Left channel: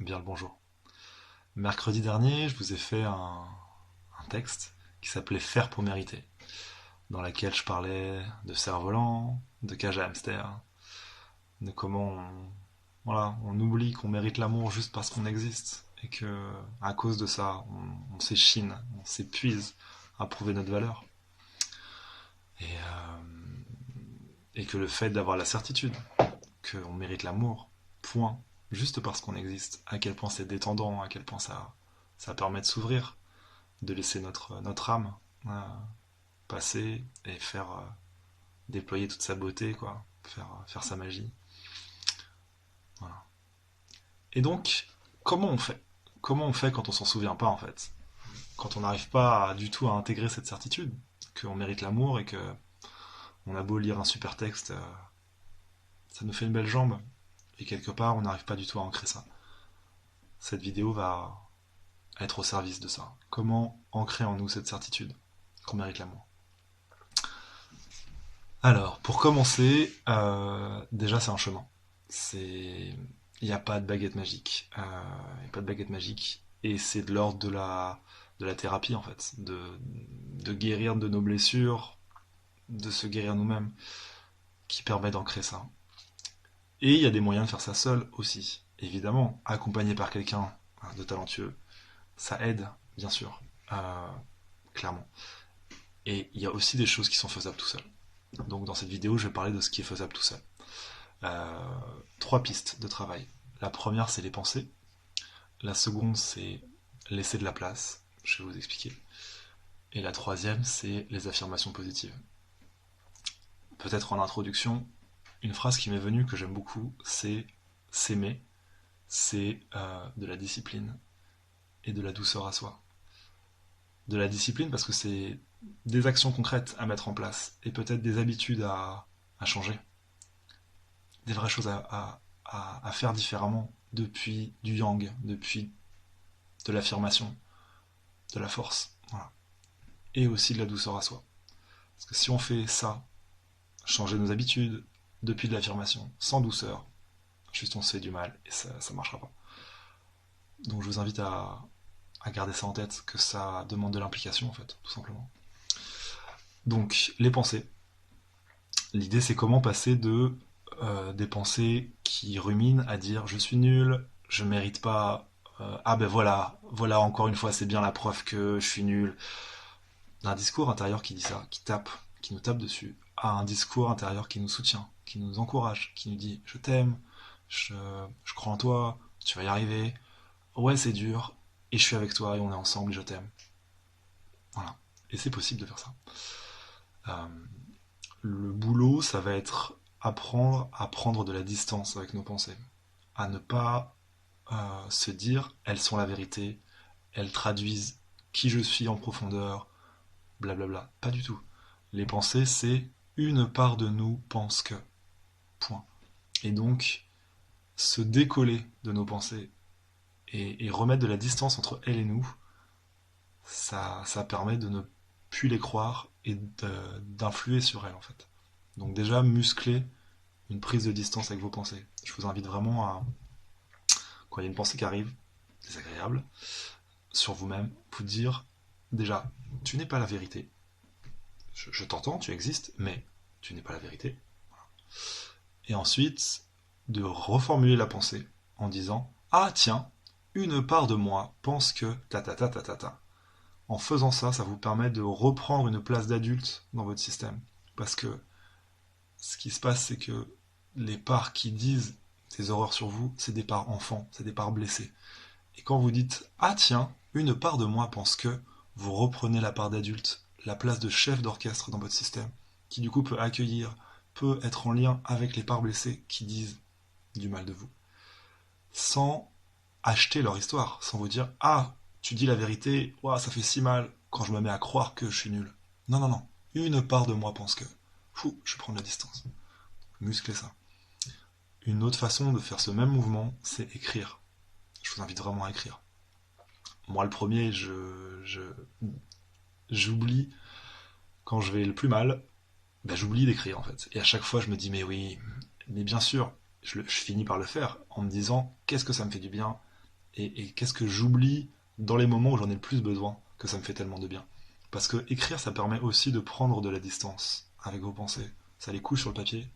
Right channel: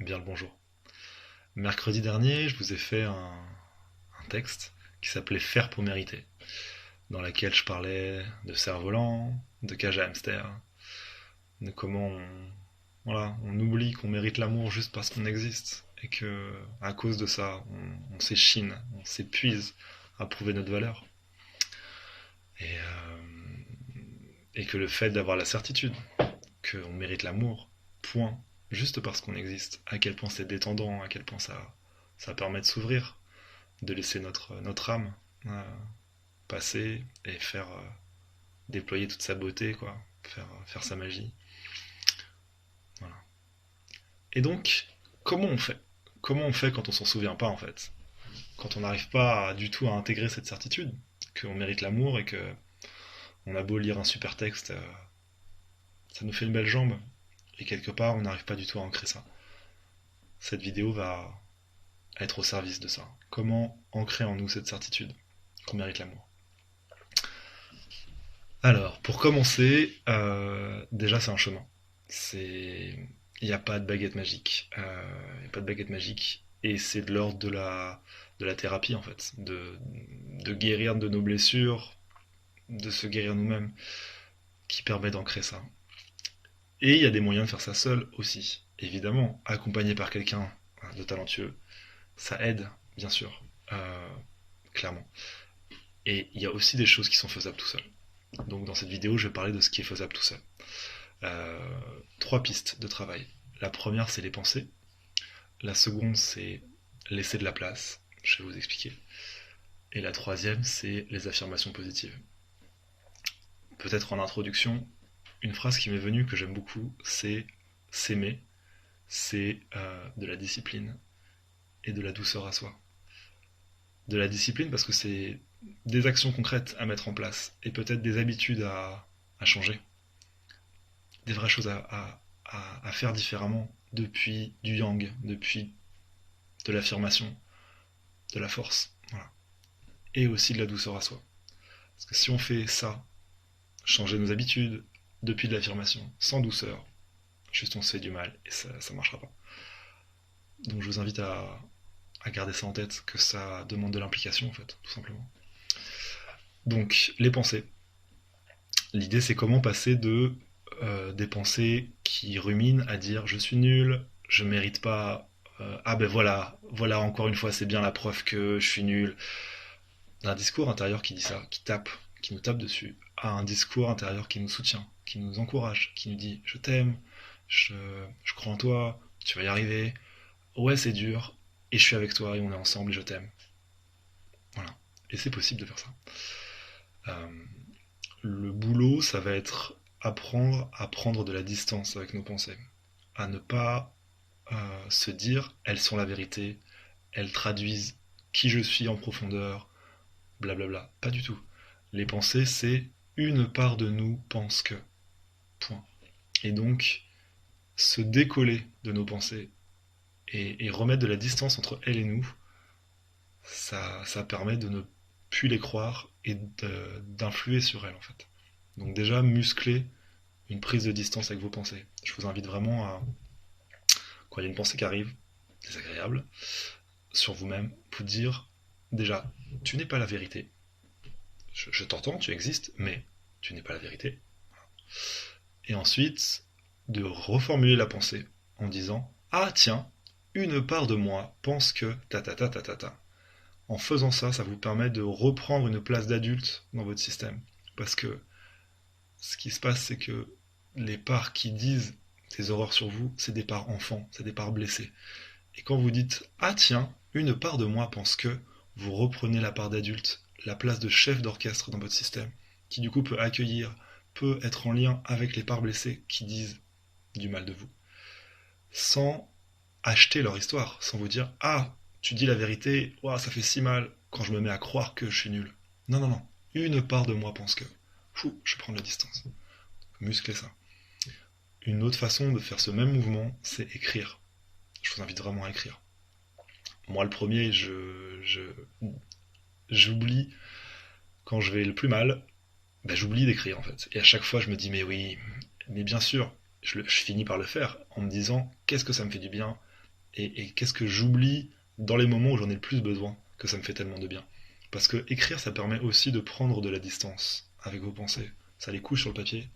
Bien le bonjour. Mercredi dernier, je vous ai fait un texte qui s'appelait Faire pour mériter, dans laquelle je parlais de cerf-volant, de cage à hamster, de comment on oublie qu'on mérite l'amour juste parce qu'on existe, et que à cause de ça, on s'échine, on s'épuise à prouver notre valeur. Et que le fait d'avoir la certitude qu'on mérite l'amour, point, juste parce qu'on existe, à quel point c'est détendant, à quel point ça permet de s'ouvrir, de laisser notre âme euh, passer et faire déployer toute sa beauté, quoi, faire sa magie. Voilà. Et donc, comment on fait Comment on fait quand on s'en souvient pas, en fait? Quand on n'arrive pas du tout à intégrer cette certitude, qu'on mérite l'amour et que on a beau lire un super texte, ça nous fait une belle jambe, et quelque part, on n'arrive pas du tout à ancrer ça. Cette vidéo va être au service de ça. Comment ancrer en nous cette certitude qu'on mérite l'amour? Alors, pour commencer, déjà c'est un chemin. C'est, il n'y a pas de baguette magique. Il n'y a pas de baguette magique, et c'est de l'ordre de la thérapie en fait, de guérir de nos blessures, de se guérir nous-mêmes, qui permet d'ancrer ça. Et il y a des moyens de faire ça seul aussi. Évidemment, accompagné par quelqu'un de talentueux, ça aide, bien sûr, clairement. Et il y a aussi des choses qui sont faisables tout seul. Donc dans cette vidéo, je vais parler de ce qui est faisable tout seul. Trois pistes de travail. La première, c'est les pensées. La seconde, c'est laisser de la place. Je vais vous expliquer. Et la troisième, c'est les affirmations positives. Peut-être en introduction, une phrase qui m'est venue que j'aime beaucoup, c'est s'aimer, c'est de la discipline et de la douceur à soi. De la discipline parce que c'est des actions concrètes à mettre en place et peut-être des habitudes à changer. Des vraies choses à faire différemment depuis du yang, depuis de l'affirmation, de la force. Voilà. Et aussi de la douceur à soi. Parce que si on fait ça, changer nos habitudes, depuis de l'affirmation, sans douceur, juste on se fait du mal et ça ne marchera pas. Donc je vous invite à garder ça en tête, que ça demande de l'implication en fait, tout simplement. Donc les pensées. L'idée c'est comment passer de des pensées qui ruminent à dire je suis nul, je mérite pas, ah ben voilà encore une fois c'est bien la preuve que je suis nul, d'un discours intérieur qui dit ça, qui nous tape dessus, à un discours intérieur qui nous soutient, qui nous encourage, qui nous dit je t'aime, je, je crois en toi, tu vas y arriver, ouais c'est dur, et je suis avec toi et on est ensemble et je t'aime. Voilà. Et c'est possible de faire ça. Euh, le boulot, ça va être apprendre à prendre de la distance avec nos pensées, à ne pas se dire elles sont la vérité, elles traduisent qui je suis en profondeur, blablabla. Pas du tout. Les pensées, c'est une part de nous pense que. Point. Et donc, se décoller de nos pensées et remettre de la distance entre elles et nous, ça permet de ne plus les croire et d'influer sur elles en fait. Donc déjà, muscler une prise de distance avec vos pensées. Je vous invite vraiment à, quand il y a une pensée qui arrive, désagréable, sur vous-même, vous dire, déjà, tu n'es pas la vérité. Je t'entends, tu existes, mais tu n'es pas la vérité. Et ensuite, de reformuler la pensée en disant, ah tiens, une part de moi pense que ta ta ta ta ta ta. En faisant ça, ça vous permet de reprendre une place d'adulte dans votre système. Parce que ce qui se passe, c'est que les parts qui disent ces horreurs sur vous, c'est des parts enfants, c'est des parts blessées. Et quand vous dites ah tiens, une part de moi pense que, vous reprenez la part d'adulte, la place de chef d'orchestre dans votre système, qui du coup peut accueillir, peut être en lien avec les parts blessées qui disent du mal de vous, sans acheter leur histoire, sans vous dire ah tu dis la vérité, ouah, ça fait si mal quand je me mets à croire que je suis nul. Non, non, non. Une part de moi pense que. Fou, je prends de la distance. Muscler ça. Une autre façon de faire ce même mouvement, c'est écrire. Je vous invite vraiment à écrire. Moi, le premier, j'oublie quand je vais le plus mal, ben, j'oublie d'écrire en fait. Et à chaque fois, je me dis mais oui, mais bien sûr, je finis par le faire en me disant qu'est-ce que ça me fait du bien et qu'est-ce que j'oublie dans les moments où j'en ai le plus besoin, que ça me fait tellement de bien. Parce que écrire, ça permet aussi de prendre de la distance avec vos pensées. Ça les couche sur le papier,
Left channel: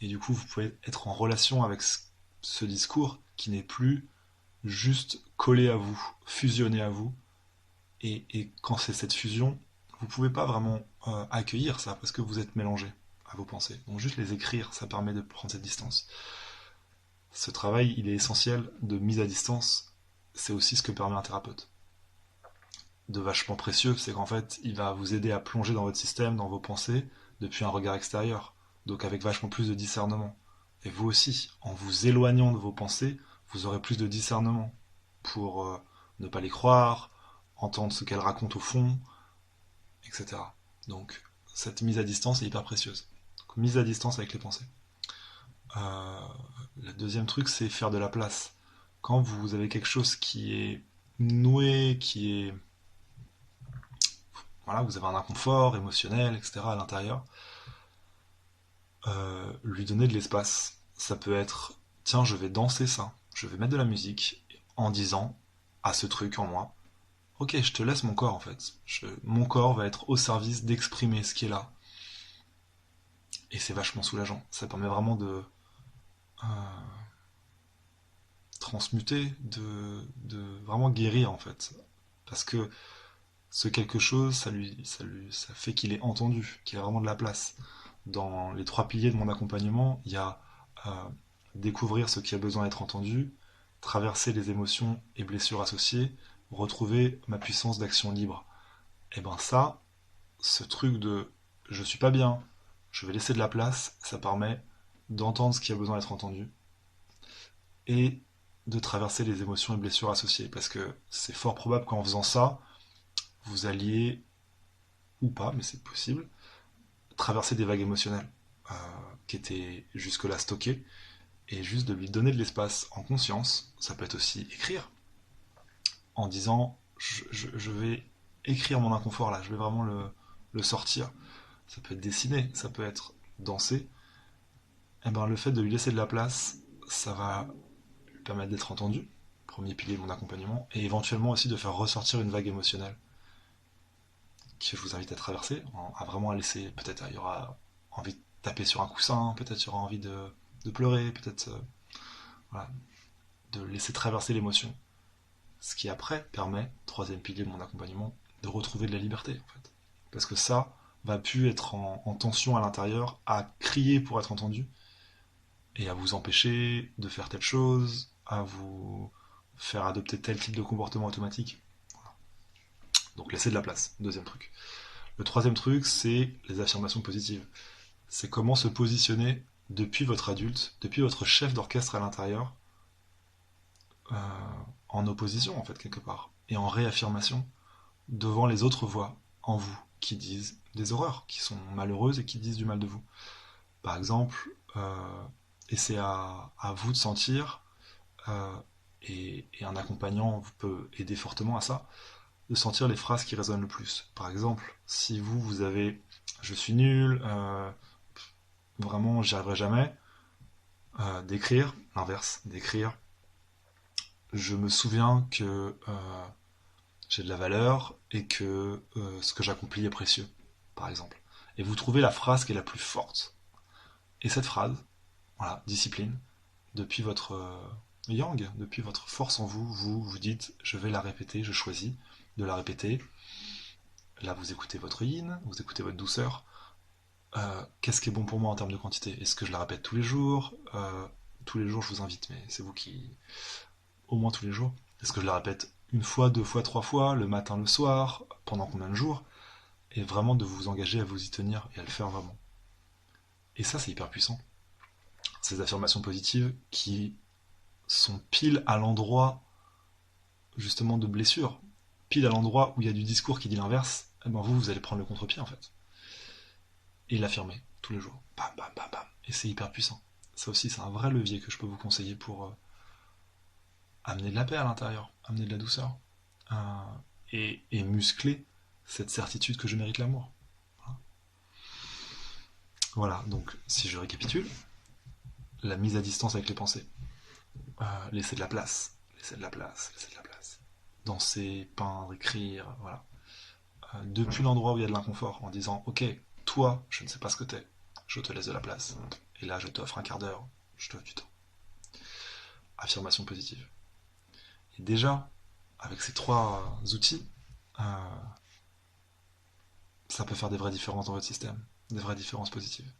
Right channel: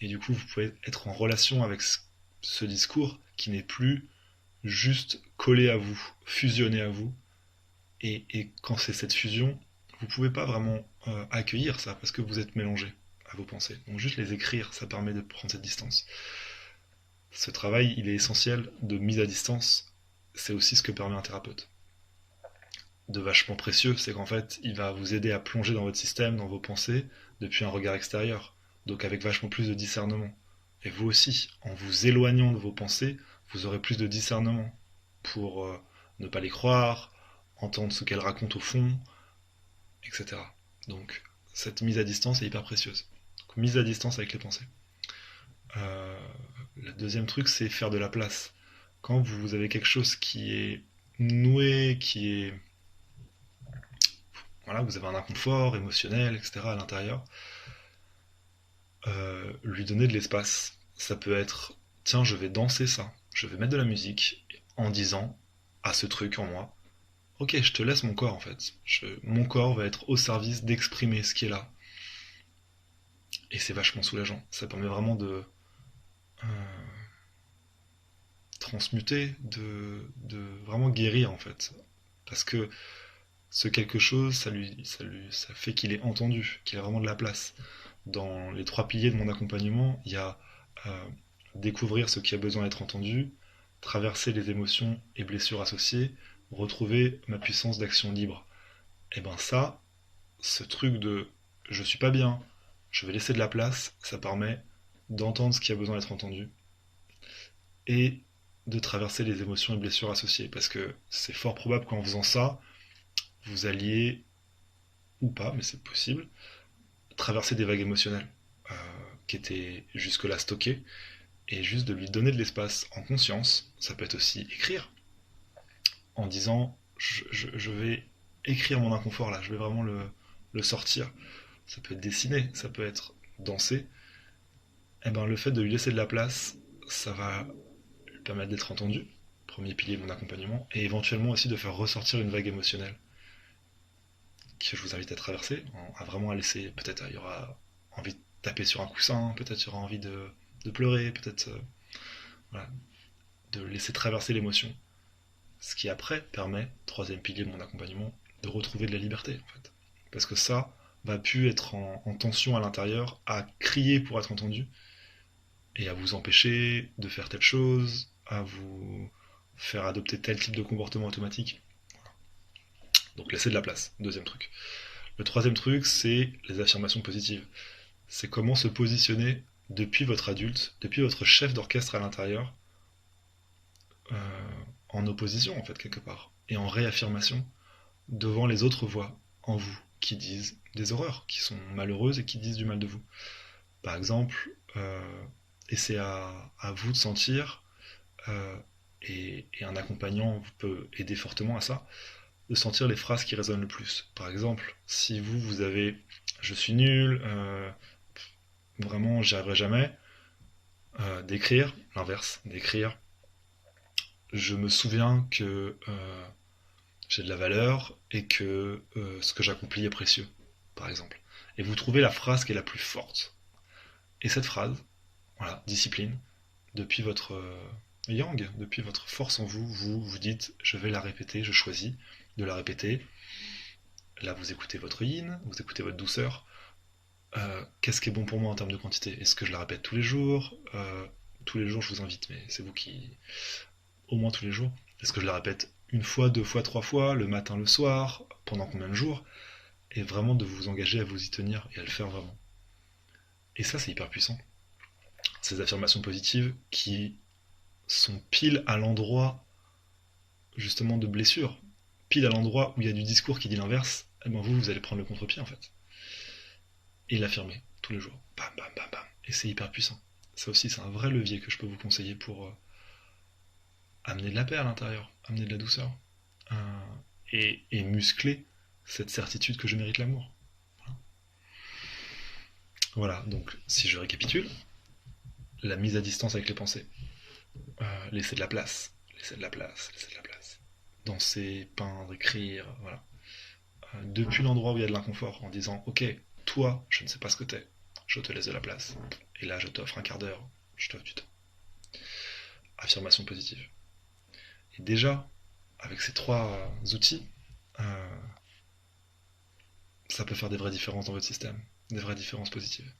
et du coup, vous pouvez être en relation avec ce discours qui n'est plus juste collé à vous, fusionné à vous. Et quand c'est cette fusion, vous pouvez pas vraiment accueillir ça parce que vous êtes mélangé à vos pensées. Donc juste les écrire, ça permet de prendre cette distance. Ce travail, il est essentiel de mise à distance. C'est aussi ce que permet un thérapeute. De vachement précieux, c'est qu'en fait, il va vous aider à plonger dans votre système, dans vos pensées, depuis un regard extérieur. Donc avec vachement plus de discernement. Et vous aussi, en vous éloignant de vos pensées, vous aurez plus de discernement pour ne pas les croire, entendre ce qu'elles racontent au fond, etc. Donc cette mise à distance est hyper précieuse. Donc, mise à distance avec les pensées. Le deuxième truc, c'est faire de la place. Quand vous avez quelque chose qui est noué, qui est... Voilà, vous avez un inconfort émotionnel, etc. à l'intérieur, lui donner de l'espace. Ça peut être, tiens, je vais danser ça, je vais mettre de la musique en disant à ce truc en moi, ok, je te laisse mon corps en fait. Mon corps va être au service d'exprimer ce qui est là. Et c'est vachement soulageant. Ça permet vraiment de transmuter, de vraiment guérir en fait. Parce que ce quelque chose, ça fait qu'il est entendu, qu'il a vraiment de la place. Dans les 3 piliers de mon accompagnement, il y a découvrir ce qui a besoin d'être entendu, traverser les émotions et blessures associées, retrouver ma puissance d'action libre. Et ben ça, ce truc de je suis pas bien, je vais laisser de la place, ça permet d'entendre ce qui a besoin d'être entendu et de traverser les émotions et blessures associées. Parce que c'est fort probable qu'en faisant ça, vous alliez, ou pas, mais c'est possible, traverser des vagues émotionnelles qui étaient jusque-là stockées, et juste de lui donner de l'espace en conscience. Ça peut être aussi écrire, en disant je vais écrire mon inconfort là, je vais vraiment le sortir. Ça peut être dessiner, ça peut être danser. Et ben le fait de lui laisser de la place, ça va lui permettre d'être entendu, premier pilier de mon accompagnement, et éventuellement aussi de faire ressortir une vague émotionnelle que je vous invite à traverser, à vraiment laisser, peut-être il y aura envie de taper sur un coussin, peut-être il y aura envie de pleurer, peut-être voilà, de laisser traverser l'émotion. Ce qui après permet, troisième pilier de mon accompagnement, de retrouver de la liberté en fait. Parce que ça va plus être en tension à l'intérieur, à crier pour être entendu, et à vous empêcher de faire telle chose, à vous faire adopter tel type de comportement automatique. Voilà. Donc laisser de la place, deuxième truc. Le troisième truc, c'est les affirmations positives. C'est comment se positionner depuis votre adulte, depuis votre chef d'orchestre à l'intérieur, en opposition en fait quelque part, et en réaffirmation devant les autres voix en vous qui disent des horreurs, qui sont malheureuses et qui disent du mal de vous. Par exemple, et c'est à vous de sentir, et un accompagnant peut aider fortement à ça, de sentir les phrases qui résonnent le plus. Par exemple, si vous avez je suis nul, vraiment j'y arriverai jamais, d'écrire l'inverse, d'écrire je me souviens que j'ai de la valeur et que ce que j'accomplis est précieux, par exemple. Et vous trouvez la phrase qui est la plus forte. Et cette phrase, voilà, discipline, depuis votre yang, depuis votre force en vous, vous dites, je vais la répéter, je choisis de la répéter. Là, vous écoutez votre yin, vous écoutez votre douceur. Qu'est-ce qui est bon pour moi en termes de quantité? Est-ce que je la répète tous les jours? Tous les jours, je vous invite, mais c'est vous qui... Au moins tous les jours. Est-ce que je la répète une fois, 2 fois, 3 fois, le matin, le soir, pendant combien de jours? Et vraiment de vous engager à vous y tenir et à le faire vraiment. Et ça, c'est hyper puissant. Ces affirmations positives qui sont pile à l'endroit justement de blessure, pile à l'endroit où il y a du discours qui dit l'inverse, et ben vous allez prendre le contre-pied en fait. Et l'affirmer tous les jours. Bam, bam, bam, bam. Et c'est hyper puissant. Ça aussi, c'est un vrai levier que je peux vous conseiller pour amener de la paix à l'intérieur, amener de la douceur, et muscler cette certitude que je mérite l'amour. Voilà, donc si je récapitule, la mise à distance avec les pensées, laisser de la place, laissez de la place, laissez de la place. Danser, peindre, écrire, voilà. Depuis l'endroit où il y a de l'inconfort, en disant ok, toi, je ne sais pas ce que t'es, je te laisse de la place. Et là, je t'offre un quart d'heure, je t'offre du temps. Affirmation positive. Et déjà, avec ces trois outils, euh, ça peut faire des vraies différences dans votre système, des vraies différences positives.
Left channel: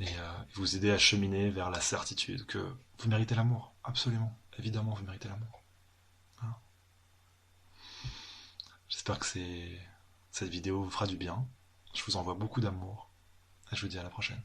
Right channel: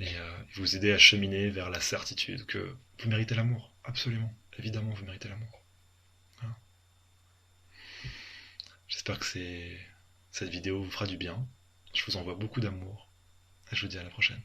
Et vous aider à cheminer vers la certitude que vous méritez l'amour, absolument, évidemment, vous méritez l'amour. Voilà. J'espère que cette vidéo vous fera du bien. Je vous envoie beaucoup d'amour et je vous dis à la prochaine.